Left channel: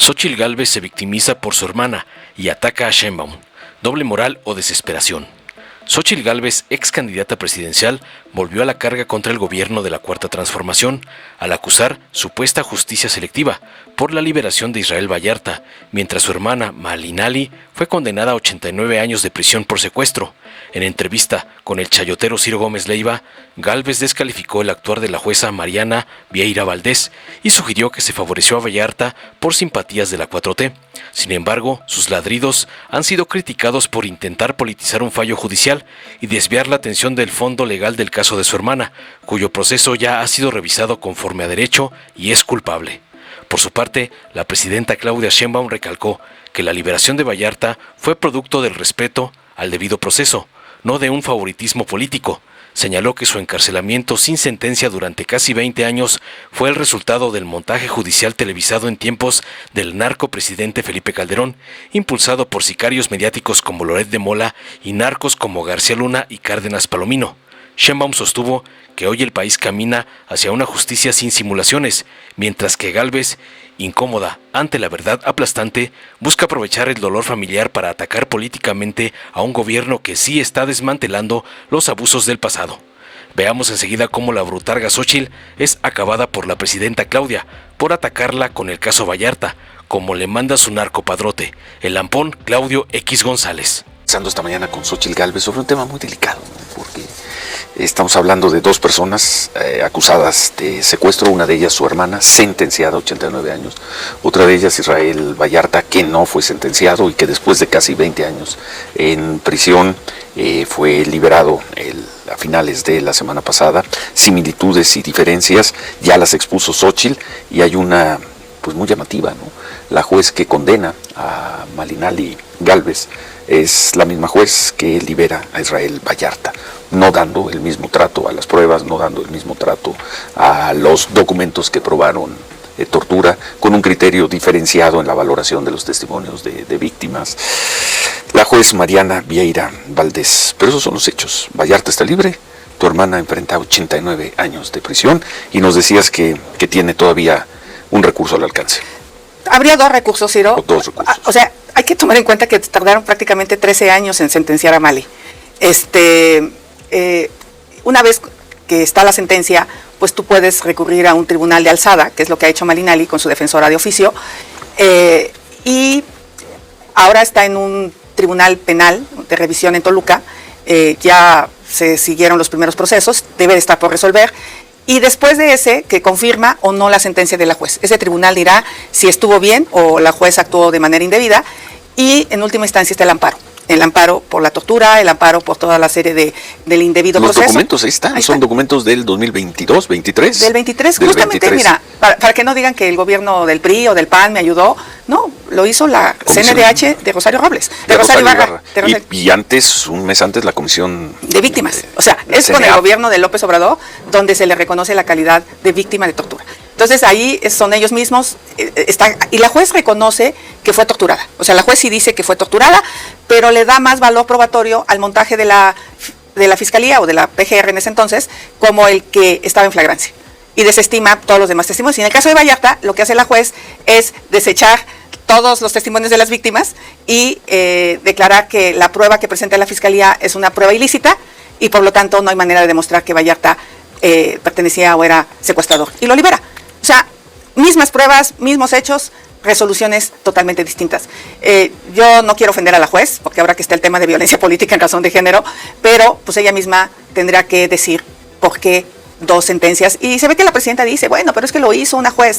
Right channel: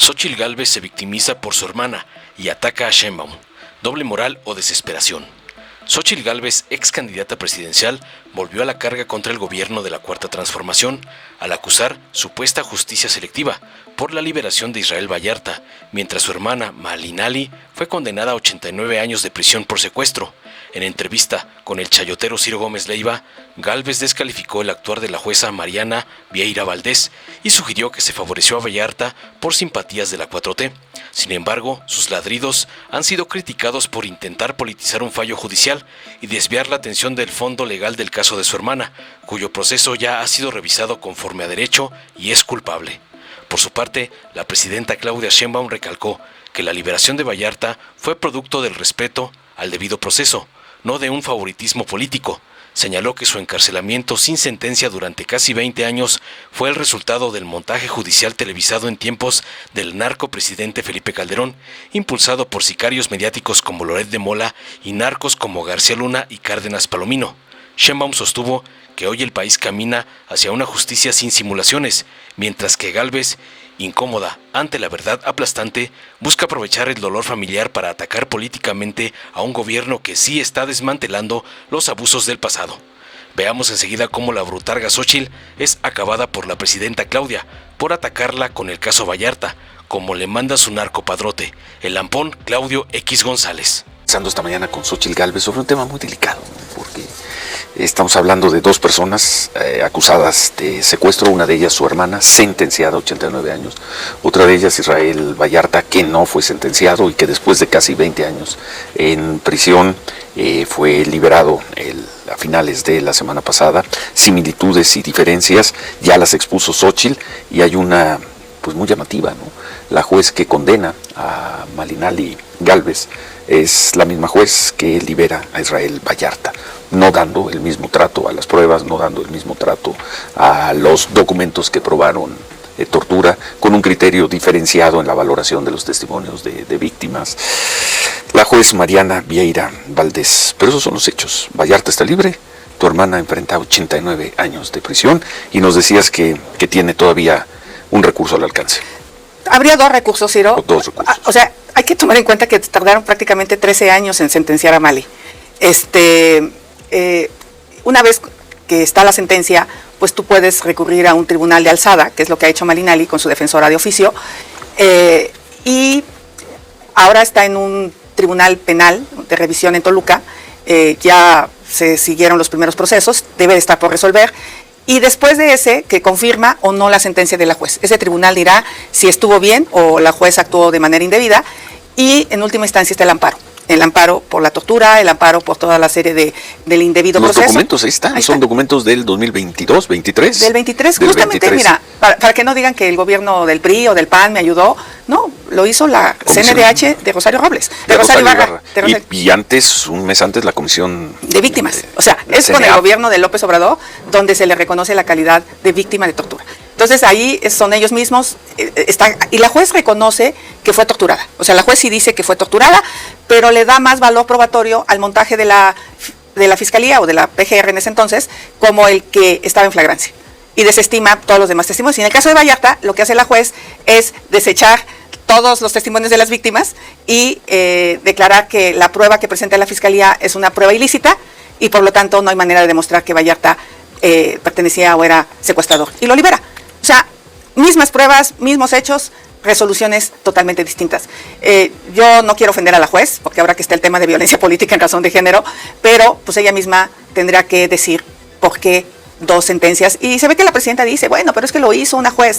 Xóchitl Gálvez se victimiza por su hermana y ataca a Sheinbaum. Doble moral o desesperación. Xóchitl Gálvez, ex candidata presidencial, volvió a la carga contra el gobierno de la Cuarta Transformación al acusar supuesta justicia selectiva por la liberación de Israel Vallarta, mientras su hermana Malinali fue condenada a 89 años de prisión por secuestro. En entrevista con el chayotero Ciro Gómez Leiva, Gálvez descalificó el actuar de la jueza Mariana Vieira Valdés y sugirió que se favoreció a Vallarta por simpatías de la 4T. Sin embargo, sus ladridos han sido criticados por intentar politizar un fallo judicial y desviar la atención del fondo legal del caso de su hermana, cuyo proceso ya ha sido revisado conforme a derecho y es culpable. Por su parte, la presidenta Claudia Sheinbaum recalcó que la liberación de Vallarta fue producto del respeto al debido proceso, no de un favoritismo político. Señaló que su encarcelamiento sin sentencia durante casi 20 años fue el resultado del montaje judicial televisado en tiempos del narcopresidente Felipe Calderón, impulsado por sicarios mediáticos como Loret de Mola y narcos como García Luna y Cárdenas Palomino. Sheinbaum sostuvo que hoy el país camina hacia una justicia sin simulaciones, mientras que Gálvez, incómoda ante la verdad aplastante, busca aprovechar el dolor familiar para atacar políticamente a un gobierno que sí está desmantelando los abusos del pasado. Veamos enseguida cómo la brutarga Xóchitl es acabada por la presidenta Claudia por atacarla con el caso Vallarta, como le manda su narcopadrote, el lampón Claudio X González. Pasando esta mañana con Xóchitl Gálvez sobre un tema muy delicado. Estamos hablando de dos personas acusadas de secuestro, una de ellas su hermana, sentenciada a 89 años. Otra de ellas Israel Vallarta, que no fue sentenciado y que después de casi 20 años en prisión fue liberado a finales de la semana pasada. Similitudes y diferencias ya las expuso Xóchitl y hay una pues muy llamativa, ¿no? La juez que condena a Malinali Gálvez es la misma juez que libera a Israel Vallarta, no dando el mismo trato a las pruebas, no dando el mismo trato a los documentos que probaron tortura, con un criterio diferenciado en la valoración de los testimonios de víctimas. La juez Mariana Vieira Valdés. Pero esos son los hechos. Vallarta está libre, tu hermana enfrenta 89 años de prisión y nos decías que tiene todavía un recurso al alcance. Habría dos recursos, Ciro. Dos recursos. O sea, hay que tomar en cuenta que tardaron prácticamente 13 años en sentenciar a Mali. Una vez que está la sentencia, pues tú puedes recurrir a un tribunal de alzada, que es lo que ha hecho Malinali con su defensora de oficio, y ahora está en un tribunal penal de revisión en Toluca. Ya se siguieron los primeros procesos, debe de estar por resolver, y después de ese, que confirma o no la sentencia de la juez. Ese tribunal dirá si estuvo bien o la juez actuó de manera indebida, y en última instancia está el amparo. El amparo por la tortura, el amparo por toda la serie del indebido proceso. Los documentos ahí están, son documentos del 2022, 23. Del 23, justamente, 23. Mira, para que no digan que el gobierno del PRI o del PAN me ayudó, no, lo hizo la CNDH de Rosario Robles, de Rosario Ibarra. Y antes, un mes antes, la Comisión de Víctimas. O sea, es con el gobierno de López Obrador donde se le reconoce la calidad de víctima de tortura. Entonces ahí son ellos mismos, y la juez reconoce que fue torturada. O sea, la juez sí dice que fue torturada, pero le da más valor probatorio al montaje de la Fiscalía o de la PGR en ese entonces, como el que estaba en flagrancia. Y desestima todos los demás testimonios. Y en el caso de Vallarta, lo que hace la juez es desechar todos los testimonios de las víctimas y declarar que la prueba que presenta la Fiscalía es una prueba ilícita y por lo tanto no hay manera de demostrar que Vallarta pertenecía o era secuestrador. Y lo libera. O sea, mismas pruebas, mismos hechos, resoluciones totalmente distintas. Yo no quiero ofender a la juez, porque ahora que está el tema de violencia política en razón de género, pero pues ella misma tendrá que decir por qué dos sentencias. Y se ve que la presidenta dice, bueno, pero es que lo hizo una juez.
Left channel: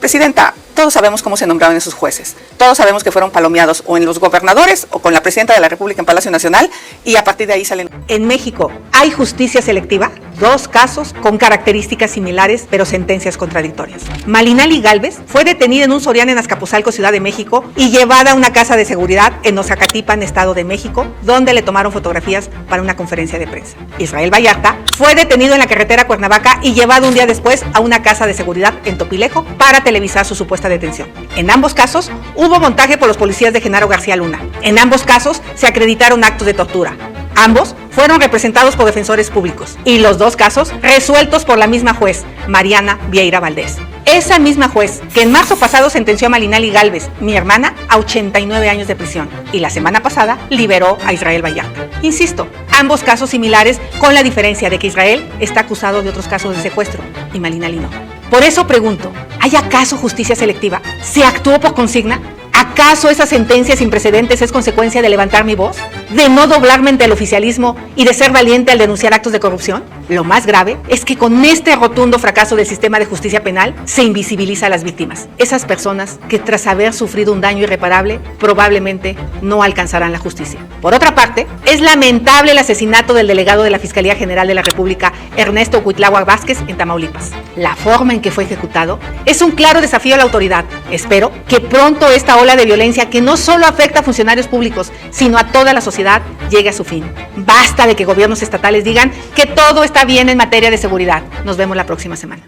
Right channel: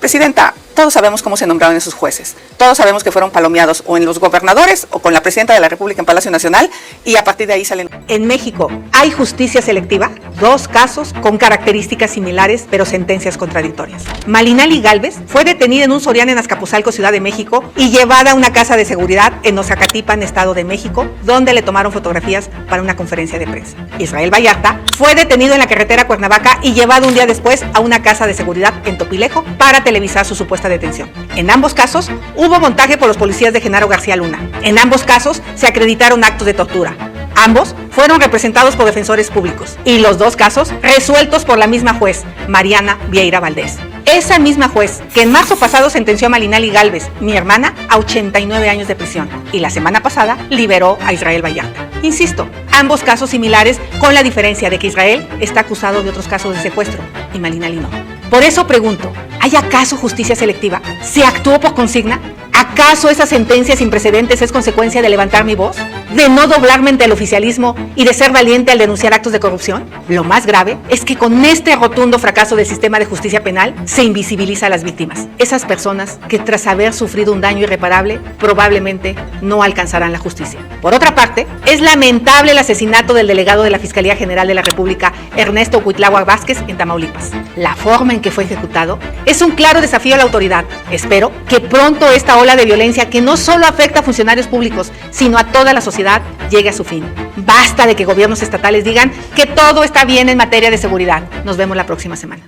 Presidenta, todos sabemos cómo se nombraron esos jueces. Todos sabemos que fueron palomeados o en los gobernadores o con la presidenta de la República en Palacio Nacional y a partir de ahí salen. En México, ¿hay justicia selectiva? Dos casos con características similares, pero sentencias contradictorias. Malinali Gálvez fue detenida en un Soriana en Azcapotzalco, Ciudad de México, y llevada a una casa de seguridad en Ozacatipan, Estado de México, donde le tomaron fotografías para una conferencia de prensa. Israel Vallarta fue detenido en la carretera Cuernavaca y llevado un día después a una casa de seguridad en Topilejo para televisar su supuesta detención. En ambos casos hubo montaje por los policías de Genaro García Luna. En ambos casos se acreditaron actos de tortura. Ambos fueron representados por defensores públicos y los dos casos resueltos por la misma juez, Mariana Vieira Valdés. esa misma juez que en marzo pasado sentenció a Malinali Gálvez, mi hermana, a 89 años de prisión. Y la semana pasada liberó a Israel Vallarta. Insisto, ambos casos similares, con la diferencia de que Israel está acusado en otros casos de secuestro y Malinali no. Por eso pregunto, ¿hay acaso justicia selectiva? ¿Se actuó por consigna? ¿Acaso esa sentencia sin precedentes es consecuencia de levantar mi voz? ¿De no doblarme ante el oficialismo y de ser valiente al denunciar actos de corrupción? Lo más grave es que con este rotundo fracaso del sistema de justicia penal se invisibiliza a las víctimas. Esas personas que tras haber sufrido un daño irreparable probablemente no alcanzarán la justicia. Por otra parte, es lamentable el asesinato del delegado de la Fiscalía General de la República, Ernesto Cuitláhuac Vázquez, en Tamaulipas. La forma en que fue ejecutado es un claro desafío a la autoridad. Espero que pronto esta ola de violencia que no solo afecta a funcionarios públicos, sino a toda la sociedad, llegue a su fin. Basta de que gobiernos estatales digan que todo está bien en materia de seguridad. Nos vemos la próxima semana.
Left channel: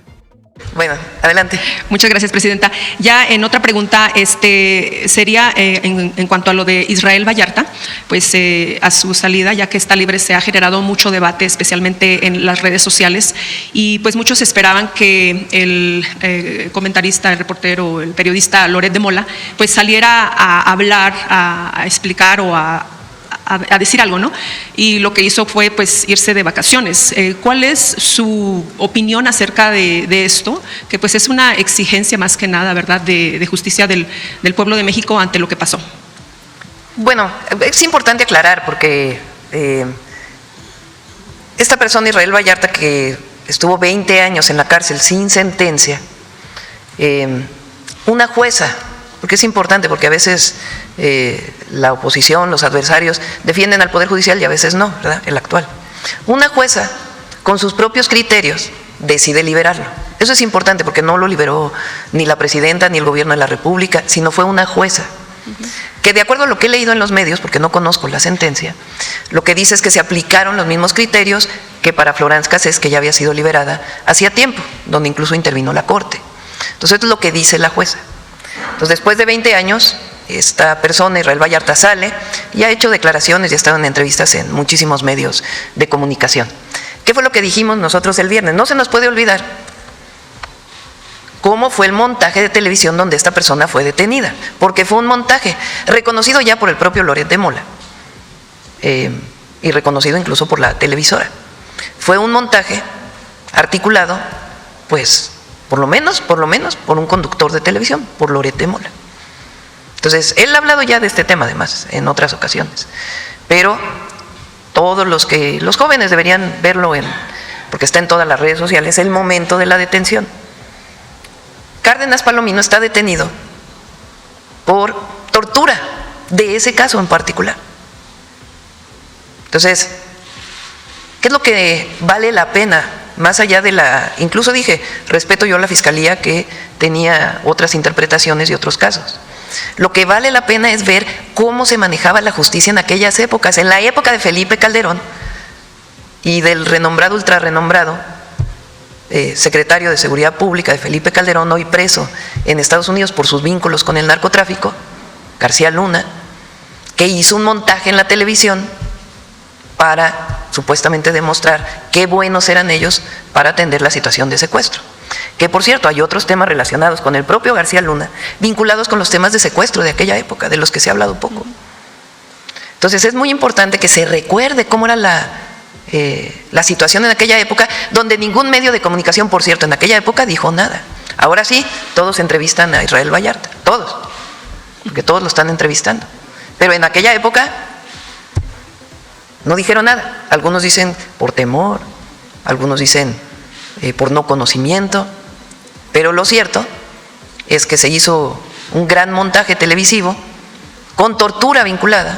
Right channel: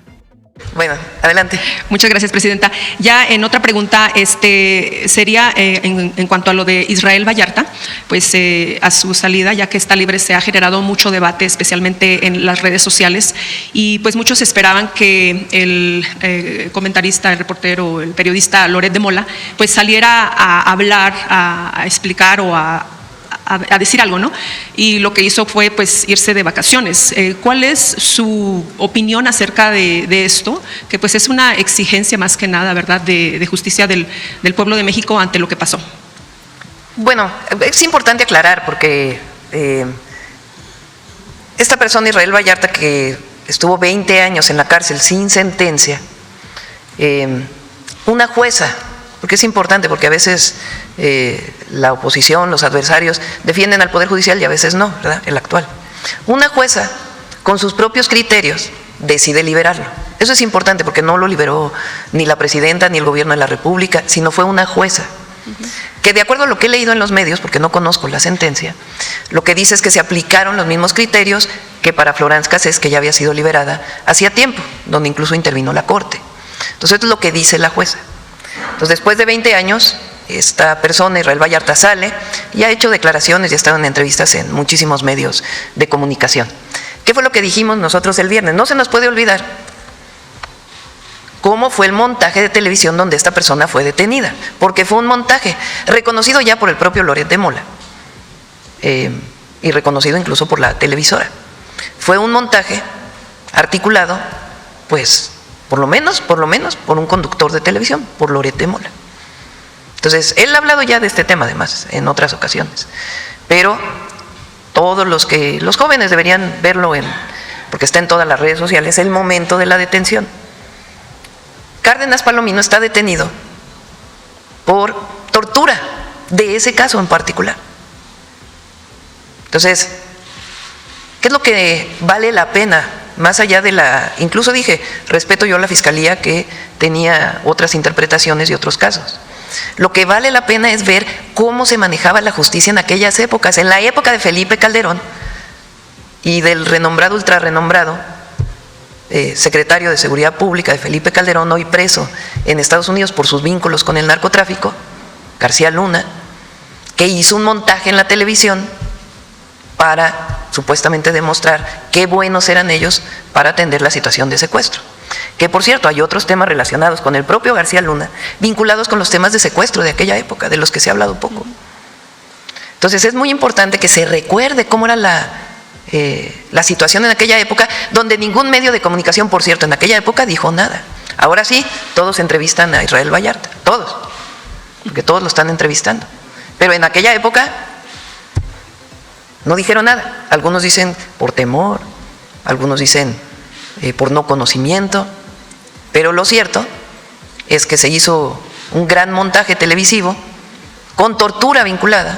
Bueno, adelante. Muchas gracias, presidenta. Ya en otra pregunta, sería en cuanto a lo de Israel Vallarta, pues a su salida, ya que está libre, se ha generado mucho debate, especialmente en las redes sociales, y pues muchos esperaban que el comentarista, el reportero, el periodista Loret de Mola, pues saliera a hablar, a explicar o a decir algo, ¿no? Y lo que hizo fue pues irse de vacaciones. ¿Cuál es su opinión acerca de esto? Que pues es una exigencia más que nada, ¿verdad?, de justicia del pueblo de México ante lo que pasó. Bueno, es importante aclarar porque esta persona, Israel Vallarta, que estuvo 20 años en la cárcel sin sentencia, una jueza, porque es importante, porque a veces la oposición, los adversarios defienden al Poder Judicial y a veces no, ¿verdad?, el actual. Una jueza, con sus propios criterios, decide liberarlo. Eso es importante porque no lo liberó ni la presidenta ni el gobierno de la República, sino fue una jueza, que de acuerdo a lo que he leído en los medios, porque no conozco la sentencia, lo que dice es que se aplicaron los mismos criterios que para Florence Cassés, que ya había sido liberada hacía tiempo, donde incluso intervino la Corte. Entonces, esto es lo que dice la jueza. Entonces, después de 20 años, esta persona, Israel Vallarta, sale y ha hecho declaraciones y ha estado en entrevistas en muchísimos medios de comunicación. ¿Qué fue lo que dijimos nosotros el viernes? No se nos puede olvidar cómo fue el montaje de televisión donde esta persona fue detenida, porque fue un montaje reconocido ya por el propio Loret de Mola y reconocido incluso por la televisora. Fue un montaje articulado, pues, por lo menos, por un conductor de televisión, por Loret de Mola. Entonces, él ha hablado ya de este tema, además, en otras ocasiones. Pero todos los jóvenes deberían verlo, porque está en todas las redes sociales, el momento de la detención. Cárdenas Palomino está detenido por tortura de ese caso en particular. Entonces, ¿qué es lo que vale la pena? Más allá de incluso dije, respeto yo a la Fiscalía que tenía otras interpretaciones y otros casos. Lo que vale la pena es ver cómo se manejaba la justicia en aquellas épocas. En la época de Felipe Calderón y del renombrado, ultrarrenombrado secretario de Seguridad Pública de Felipe Calderón, hoy preso en Estados Unidos por sus vínculos con el narcotráfico, García Luna, que hizo un montaje en la televisión para supuestamente demostrar qué buenos eran ellos para atender la situación de secuestro. Que por cierto, hay otros temas relacionados con el propio García Luna, vinculados con los temas de secuestro de aquella época, de los que se ha hablado poco. Entonces es muy importante que se recuerde cómo era la situación en aquella época, donde ningún medio de comunicación, por cierto, en aquella época dijo nada. Ahora sí, todos entrevistan a Israel Vallarta, todos, porque todos lo están entrevistando. Pero en aquella época no dijeron nada. Algunos dicen por temor, algunos dicen por no conocimiento, pero lo cierto es que se hizo un gran montaje televisivo con tortura vinculada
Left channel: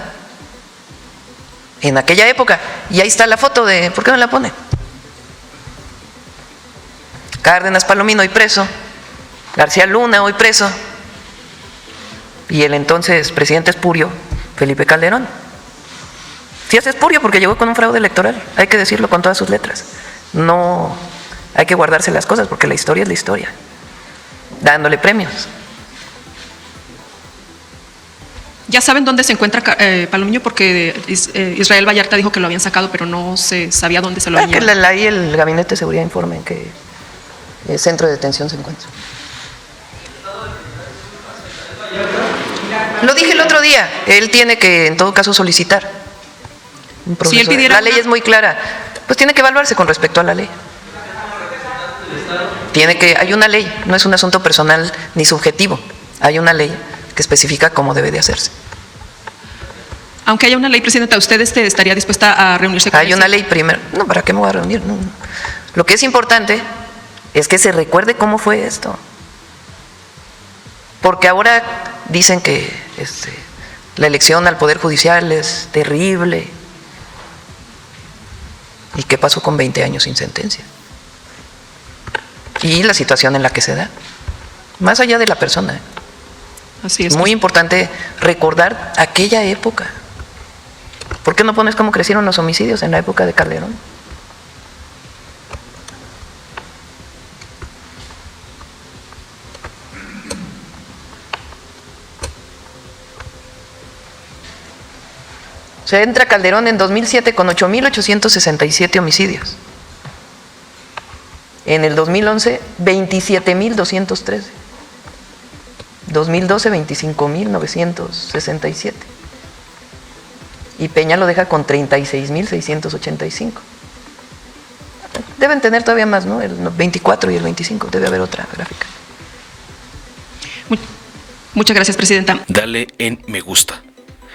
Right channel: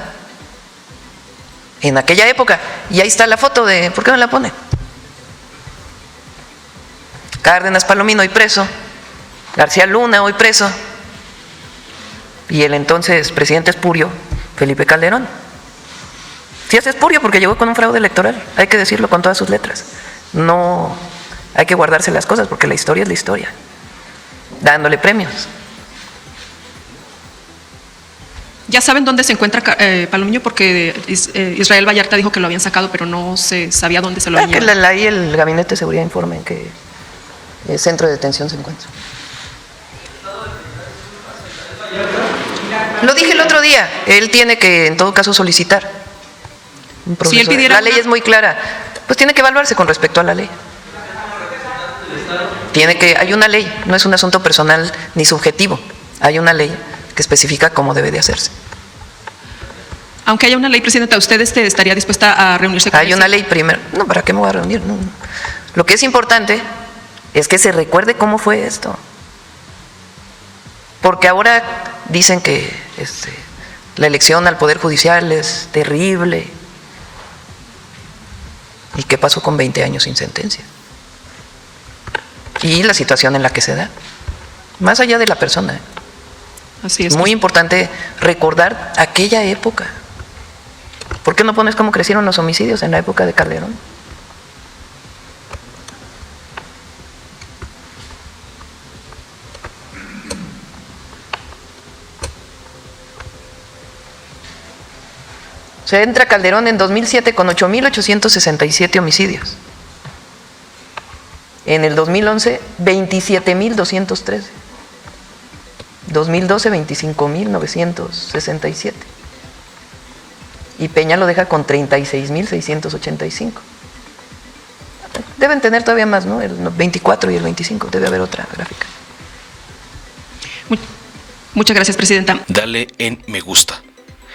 en aquella época. Y ahí está la foto de... ¿Por qué no la ponen? Cárdenas Palomino hoy preso, García Luna hoy preso, y el entonces presidente espurio, Felipe Calderón. Sí es espurio porque llegó con un fraude electoral, hay que decirlo con todas sus letras. No hay que guardarse las cosas porque la historia es la historia, dándole premios. ¿Ya saben dónde se encuentra Palomino? Porque Israel Vallarta dijo que lo habían sacado, pero no se sabía dónde se lo habían llevado. Ahí el Gabinete de Seguridad informa en qué centro de detención se encuentra. Lo dije el otro día, él tiene que en todo caso solicitar. Pues tiene que verlo con respecto a la ley. Hay una ley, no es un asunto personal ni subjetivo. Hay una ley que especifica cómo debe de hacerse. Aunque haya una ley, Presidenta, ¿usted estaría dispuesta a reunirse con Hay una ley primero. No, ¿para qué no va a reunir? No. Lo que es importante es que se recuerde cómo fue esto. Porque ahora dicen que la elección al Poder Judicial es terrible. ¿Y qué pasó con 20 años sin sentencia? Y la situación en la que se da. Más allá de la persona. Así Es muy importante recordar aquella época. ¿Por qué no pones cómo crecieron los homicidios en la época de Calderón? Se entra Calderón en 2007 con 8.867 homicidios. En el 2011, 27.213. 2012, 25.967. Y Peña lo deja con 36.685. Deben tener todavía más, ¿no? El 24 y el 25. Debe haber otra gráfica. Muchas gracias, Presidenta. Dale en me gusta,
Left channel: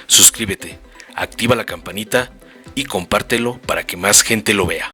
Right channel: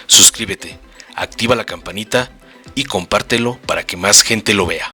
suscríbete, activa la campanita y compártelo para que más gente lo vea.